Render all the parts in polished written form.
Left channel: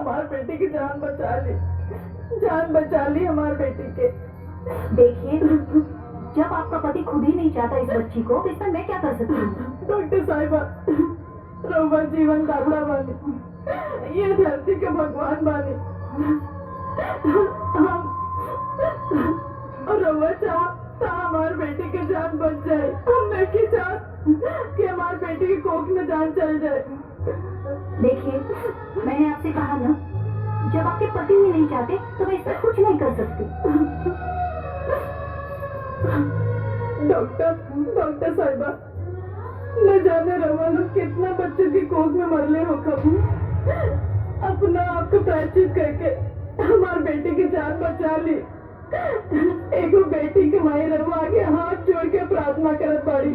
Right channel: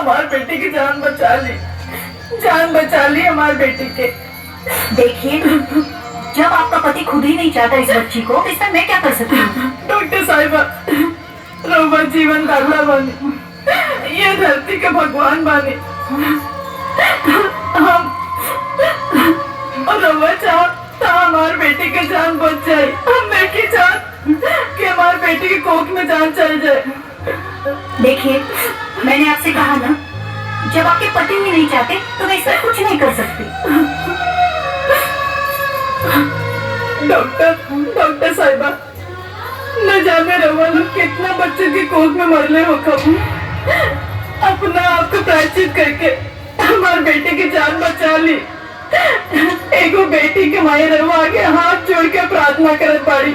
हमारे बेटी की जान बचा ली, जान बचा ली हमारे बेटी के। देखिए, जब आपका पति खुद ही नहीं चाहता इस बच्ची को, तो इसमें मैं क्या कर सकती हूँ? डॉक्टर साहिबा, रउआ जीवन दाता बानी, ये धरती के भगवान बानी। हम और रउआ चाहता हमारे बेटी की जान बच जाए। हम नहीं चाहते कि हमारे बेटी की कोख में जान चल जाए। देखिए, मैंने आपसे कहा ना, जब आपके पति ही नहीं चाहते तो मैं इसमें कुछ नहीं कर सकती। डॉक्टर साहिबा, न जाने रवा लोग कितना बच्चे की कोख में मरले हो कब। अपना आपको प्रायश्चित करके हमारे बेटे की जान बचा ली। एगो बेटी के माए रवा आगे हाथ जोड़ के प्रार्थना करत बाड़ी।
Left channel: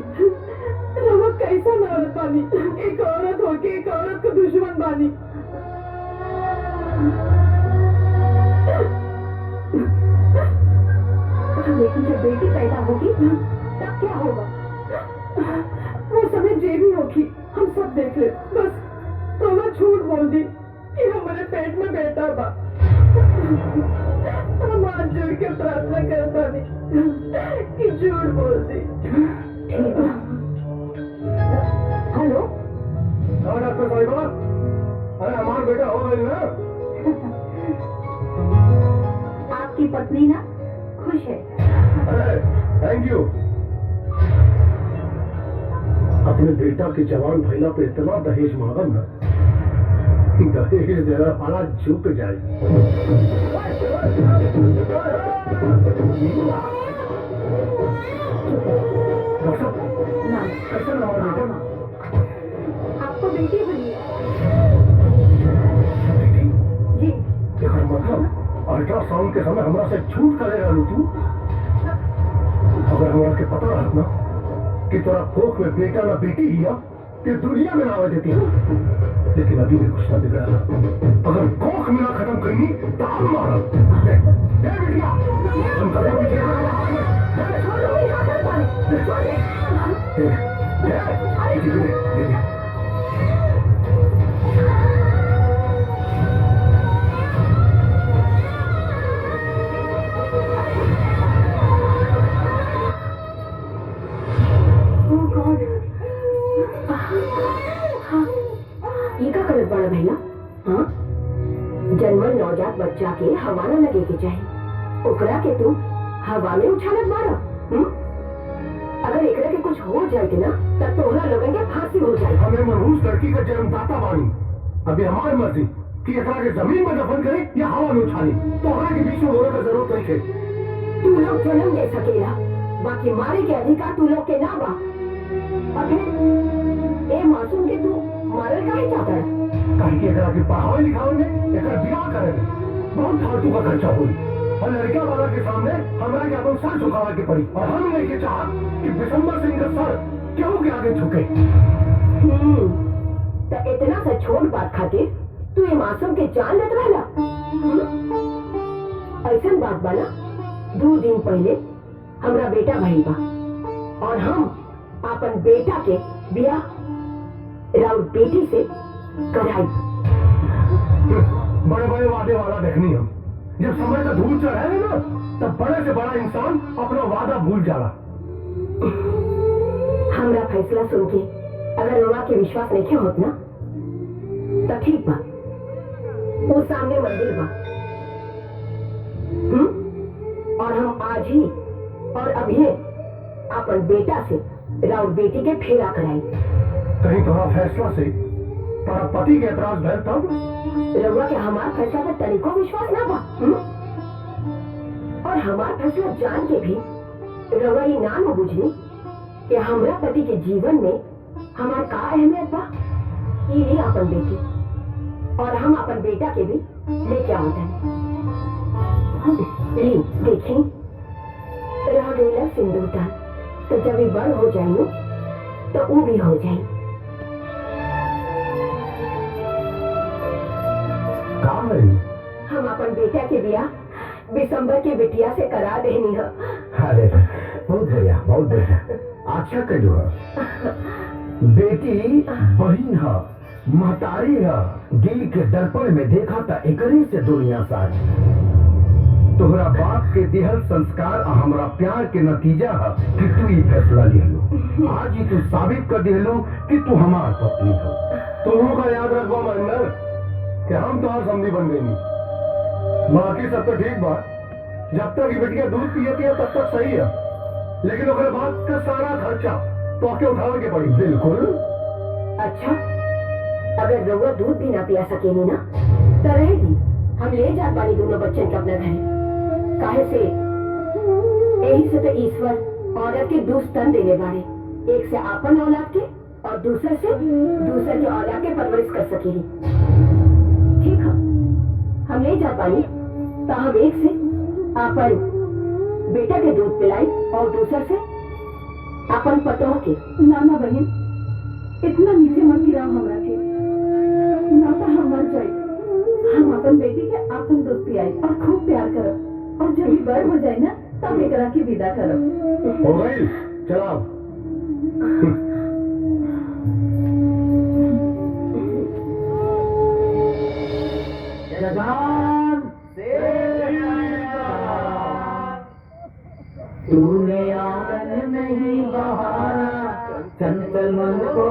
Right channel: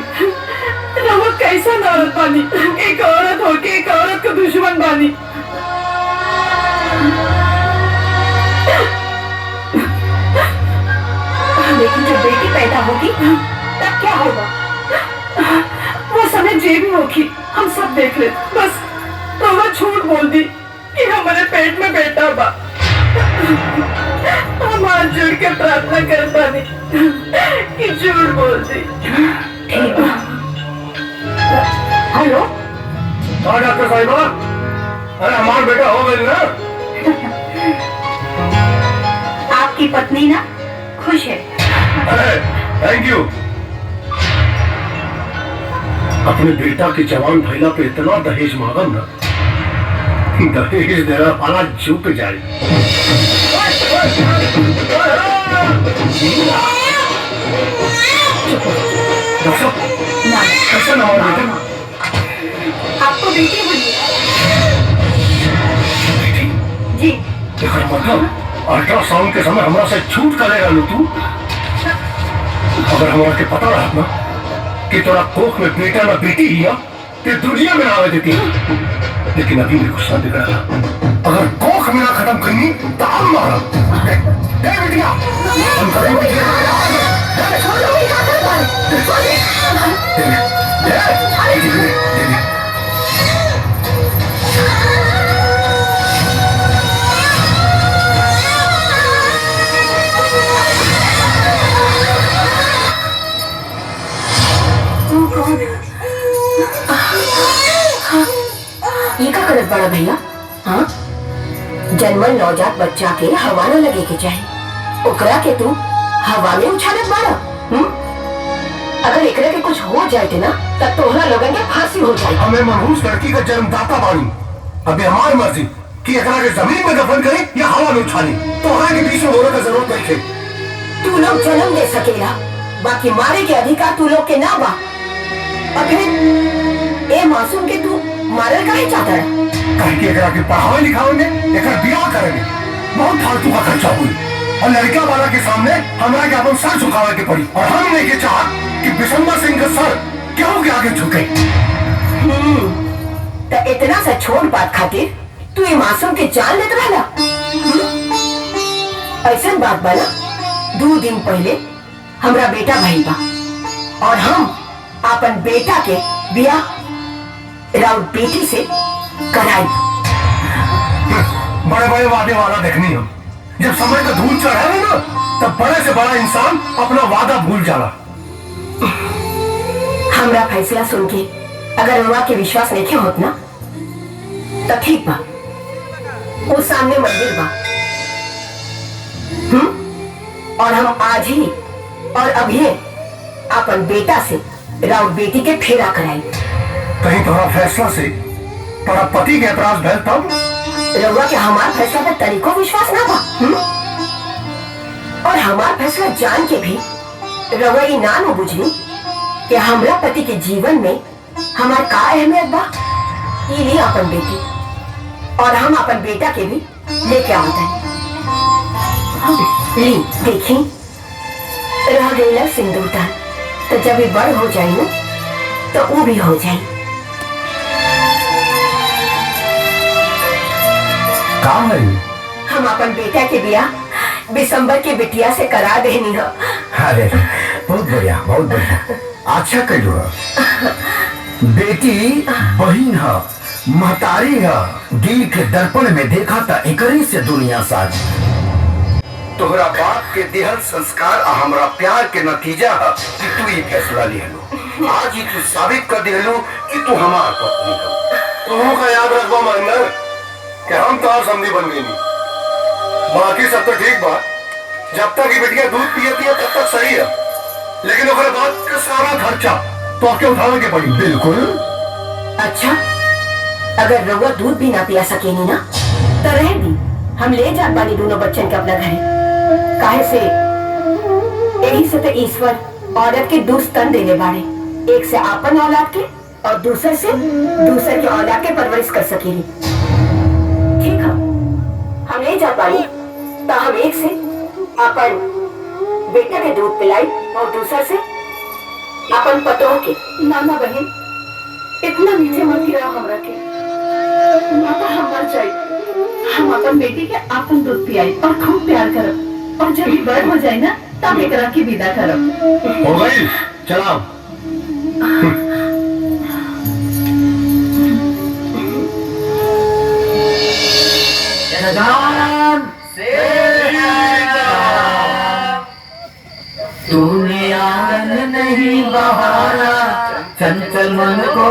रवा कैसा औरत बानी, एक औरत होके एक औरत को दुश्मन बानी। लेकिन जब बेटी पैदा होगी तब क्या होगा? वो समय जे भी होगी हम सब देख ले। बस तो वो झूठ बोल दी कि हमारे पेट में बेटा बा। हम हाथ जोड़ के प्रार्थना करता नहीं कि झूठ बोल दी। ठीक है। हेलो, हाँ डॉक्टर साहिबा, अरे हमारा बेटा हो गई ना। आपकी पत्नी ना खुश है। अरे थैंक यू। अपने बेटा के जवान भैला पे इतना दहेज मांगम ना, दहेज देना वाला झुक जाए। कैसा ना बेटे? आपको बेटी बनी? जी। मतलब अल्ट्रासाउंड के समय हमारा से झूठ करेगा लो तू? अगर हमारा के पता रहा ना कि तोरा कोख में बेटा ना बेटी ही ते दुनिया में ना आवे देती। लेकिन अभी मेरे गुस्सा बिगड़ा था। अगर कोख में ना खत्म करनी तो हम मारा। दे बेटिया, हम करेंगे। ये क्या करत बड़ा भैया? हाँ, जन्मल नवजात बच्चा के हवा न लगे के चाहे, ओकरा के तू हवा में उछालत बाड़ा। अगर एकरा के कुछ हो जाए ना तब तोहरा लोगन के फांसी हो जाए। हमें मनहूस लड़की का जन्मदाता बानी। अभी हमारी मर्जी कि एकरा के जमीन में दफन करे या हवा में उछाले। तोहरा के बीच में होने का जरूरत नहीं है। तू लोग जन्म दे सकेला, बाकी मारे के अधिकार तू लोग के ना बा। अगर ए मासूम के तू मारल काहे चाहता है? कहीं के एकरा के पढ़ावे लिखावेंगे, एकरा बियाह करेंगे, बहुत फालतू का खर्चा हुई। और लड़का वाला के सामने हमारे के अपन सर झुकावे के पड़ी। और हम नहीं के चाह कि बिशंबर सिंह का सर क्यों के आगे झुके। तो इतना सा छोट बात खातिर तू ये मासूम के जान लेत रहला? ऐसा बात बना, 2 दिन पहले हमरा बेटा भइल बा और हम अपन बेटा के बियाह राउर बेटी से कराई। बड़े बड़े वादे वाला देखनी हम। जब समय का धूल चढ़े ना तब बड़े से बड़ा इंसान अपना वादा भूल जाला। हमरा फैसला सुन के अगर रउआ के विश्वास नहीं होत ना तो ठीक बा, वो सामने मंदिर बा। और हम आज ही और अभी अपन बेटा से राउर बेटी के फेरा कराई। कहीं तुम्हारा फैसला से तुम्हारा पति के ऐतराज भैल तब? रउआ के हमार फैसला पर तरीको विश्वास ना बा। और हमार फैसला जान के भी रउआ ये ना न बुझनी कि हमरा पति के जीवन में हमार का अहमियत बा। ये नहीं अपन बेटी और हम अपन बेटा के भी लेके आवत है। ली देखी, रह गई सिंदूर दान, तो जब ये बड़ हो जाये तो वो भी हो जाये। काम है हम अपन बेटा के बियाह दिसंबर के बिटिया से करा देनी हो। अरे बहुत बढ़िया, बहुत बढ़िया। अच्छा करो, बेटी बहन है महतारी है, दिल के दर्पण में देखा था एकरी से दुनिया साज। तोहरा बाप के दिहल संस्कार आ हमरा प्यार के नतीजा है कि तू ही फैसला लिहलो। आज ही तू साबित कर दिहलो कि तू हमार पत्नी है। तुमों का याद रखबो महेंद्र कि हम तो समझी बन गई नहीं। बाकी सब तो ठीक बा, जब तक ये बिटिया दूध पियती है तब तक सही है, लेकिन ओकरे बाद के सारा खर्चा तो आपके उठाने के पड़ी। बिल्कुल। अच्छा, अगर रउआ दूध भी ना पिया सकेनी ना तो रह दी, हम ले जा पानी दोनों बच्चन के अपना घरे। काहे से यही से तो ईश्वर औरत के दो स्तन देने बाड़े, एक से आपन औलाद के और दूसर के औलाद के परवरिश कर सकेली। ठीक है, हम ले जा पानी तो हम एक से अपन बेटा के दूध पिलाई और दूसर से अपन पतों के। नाना बहन, इतना नीचे मत गिरा हमरा के। माता हम मर जाए, हम अपन बेटी के अपन दूध पियाई और खूब प्यार करब, और जब ये बड़ हो जाए ना तब एकरा की विदा करब। हो गई, चलाओ। तूने आंगन नहीं बहारा, चंचल मन को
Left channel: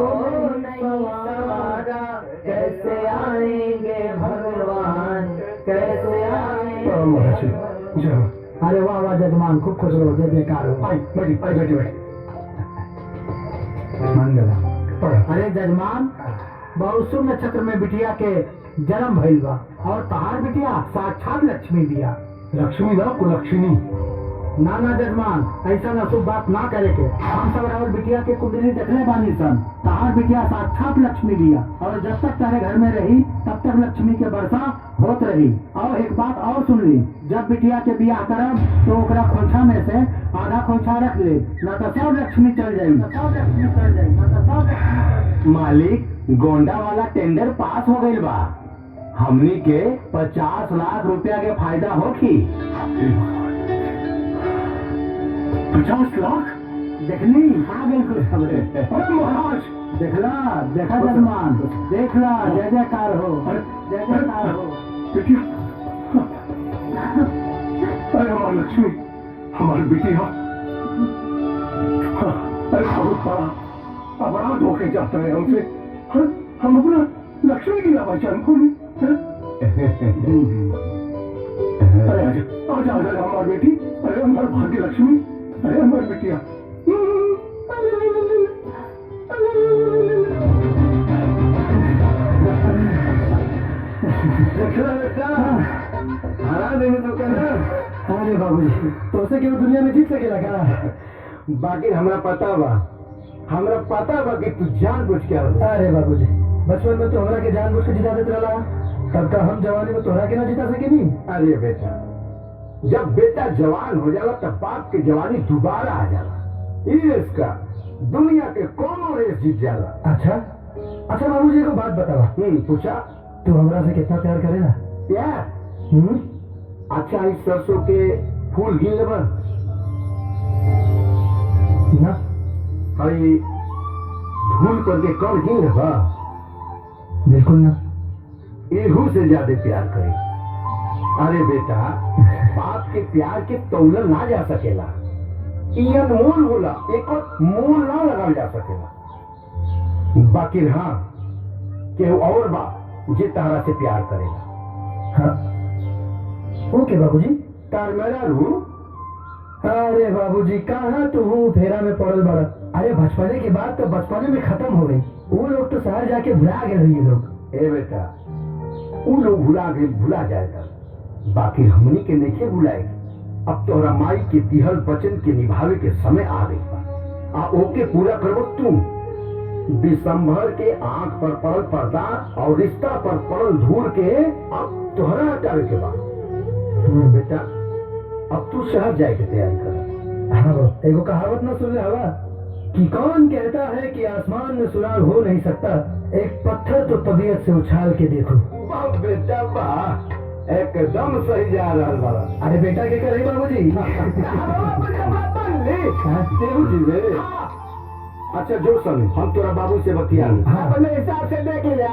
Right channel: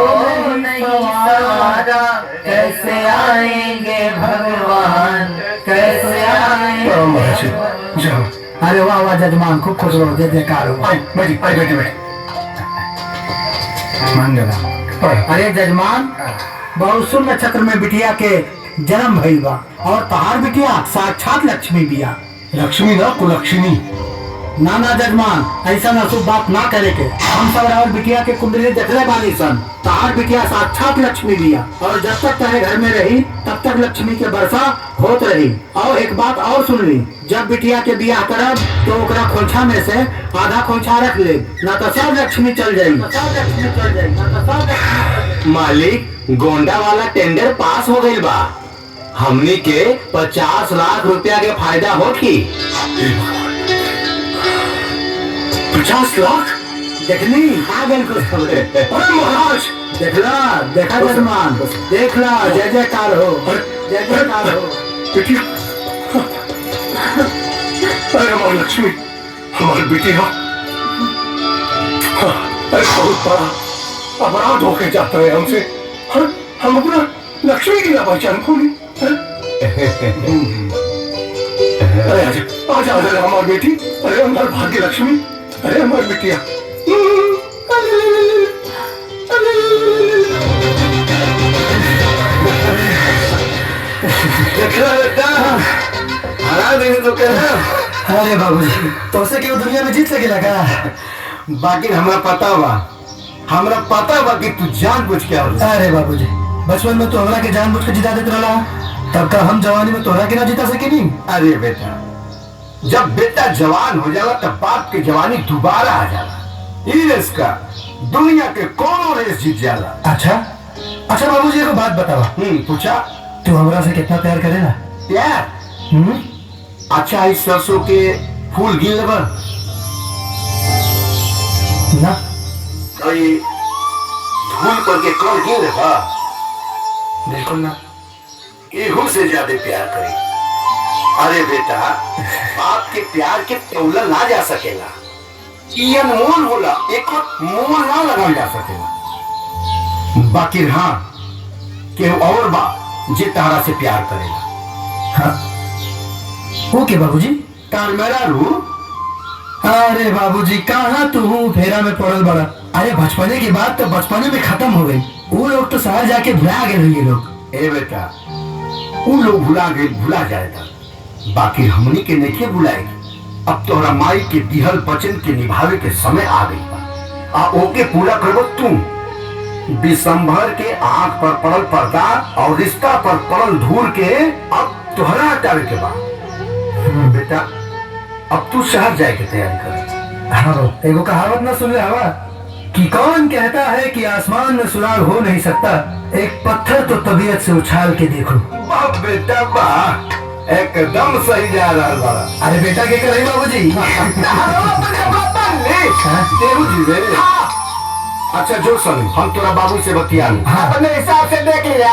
नहीं सहारा, कैसे आएंगे भगवान, कैसे आएंगे। जाओ। अरे वाह वाह जजमान, खूब खुश रहो, जय जयकार हो। बैठी बैठी बैठी। मंगला। अरे जजमान, बहुत सुन नक्षत्र में बिटिया के जन्म भइल बा, और तहार बिटिया साक्षात लक्ष्मी बिया। लक्ष्मी ना कुलक्ष्मी। ना जजमान, ऐसा अशुभ बात ना करे के। हम सब रावल बिटिया के कुंडली देखले बानी सन, तहार बिटिया साक्षात लक्ष्मी बिया, और जब तक तेरे घर में रही तब तक लक्ष्मी के वर्षा होत रही। और एक बात और सुन ली, जब बिटिया के बियाह करब तो ओकरा खोंछा में से आधा खोंछा रख ले, न तो सब लक्ष्मी चल जाई। मालिक, गोंडा वाला टेंडर पास हो गई बा, हमनी के 50 लाख रुपया के फायदा होगी। 50 लाख? देखनी आ गई कुछ खबरें। अरे महाराज, देखा जजमान, देख ला, जय जयकार हो, जय जयकार हो। बेटी, अरे हमारी लक्ष्मी, हमारी बेटी है। अरे बहुत बड़ा अपराध होके जाता है हमसे। हम अपना लक्ष्मी की ना पहचान भूली। अरे आजा हमारी बेटी, अरे हमारी भाग्य लक्ष्मी, अरे हमारी बेटिया। हरा देंगे तो कहना। अरे बाबूजी, तो से केवल दुनिया में जीत सकेला का? बाकी हमरा पता बा कि तू जानबूझ के आवला। अरे बाबूजी, बचपन में तो हमरा के जानबूझ के जिता देत रहला, तब का हम जवानी में तोहरा के ना जिता सकेनी। अरे बेटा, जब बेटा जवान हो जाला तब बाप की जवानी दोबारा आ जाला। ई रेस का दुनिया के कोनो रेस जीत जाला। अच्छा बाबूजी, एक बात बतावा। पूछा। तू हमरा से कितना प्यार करेला? प्यार? अच्छा, इस सरसों के फूल गिन लेबा ना? ये धूल पर के कौन गिन लेबा? बिल्कुल ना। एहू से ज्यादा प्यार करे। अरे बेटा, बाप के प्यार के तौला ना जा सकेला, ई अनमोल होला, एक मोल ना लगाल जा सकेला। बाकी हाँ, केहू और बा जे तारा से प्यार करेला। हाँ, ओके बाबूजी। तार मेरा रू। अरे बाबूजी, कहाँ तू फेरा में पड़ल बड़ा? अरे बचपने की बात तो बचपने में खत्म हो गई। वो लोग तो शहर जाके भुला गए ये लोग। ए बेटा, वो लोग भुला जाएगा, बाकी हमनी के नहीं बुलाएगी। अब तोहरा माई के दिहल वचन के निभावे के समय आ गई बा। आ ओके पूरा करबो तू। दिसंबर के आंख पर पड़ल पर्दा और रिश्ता पर पड़ल धूल के अब तोहरा हटावे के बा। बेटा, अब तू शहर जाए के तैयारी कर। हाँ, एगो कहावत ना सुन ले हवा कि कौन कहता है कि आसमान में सुराग हो नहीं सकता, एक पत्थर तो तबीयत से उछाल के देखो। वाह बेटा वाह, एकदम सही जा रहा है। अरे बेटा क्या कर रही बाबूजी? अच्छा जो सुन, हम तोरा बाबू से बतियान। अपने हिसाब से देख लिया।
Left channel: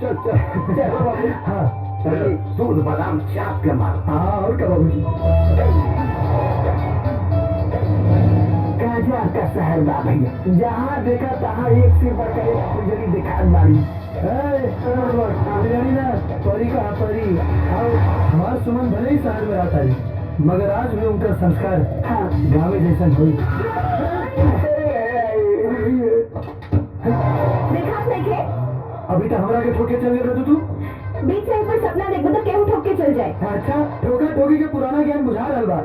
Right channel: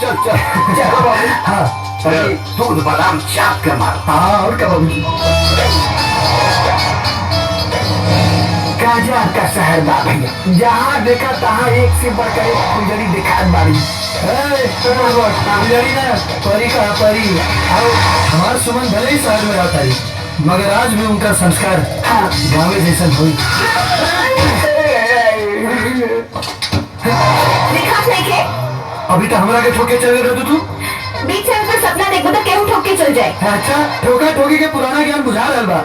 चल चल चलो बाबू। हाँ अरे दूध बादाम चाप के मार। हाँ और क्या बाबू जी। गाजा का शहर बा भैया, जहाँ देखा तहाँ एक से बढ़कर एक फुलझड़ी दिखात बाड़ी। फुलझड़ी ना, परी का परी। आओ, हमार सुमन भले ही शहर में रहता है, मगर आज भी उनका संस्कार गाँव जैसा हुई। दिखात नहीं के? अभी तो हमरा के ठोके चले रहे तू। बीच सड़क पर सपना देखो तो केहू ठोक के चल जाए। अच्छा ठोका ठोकी के पुराना ज्ञान बुझा रहल बा।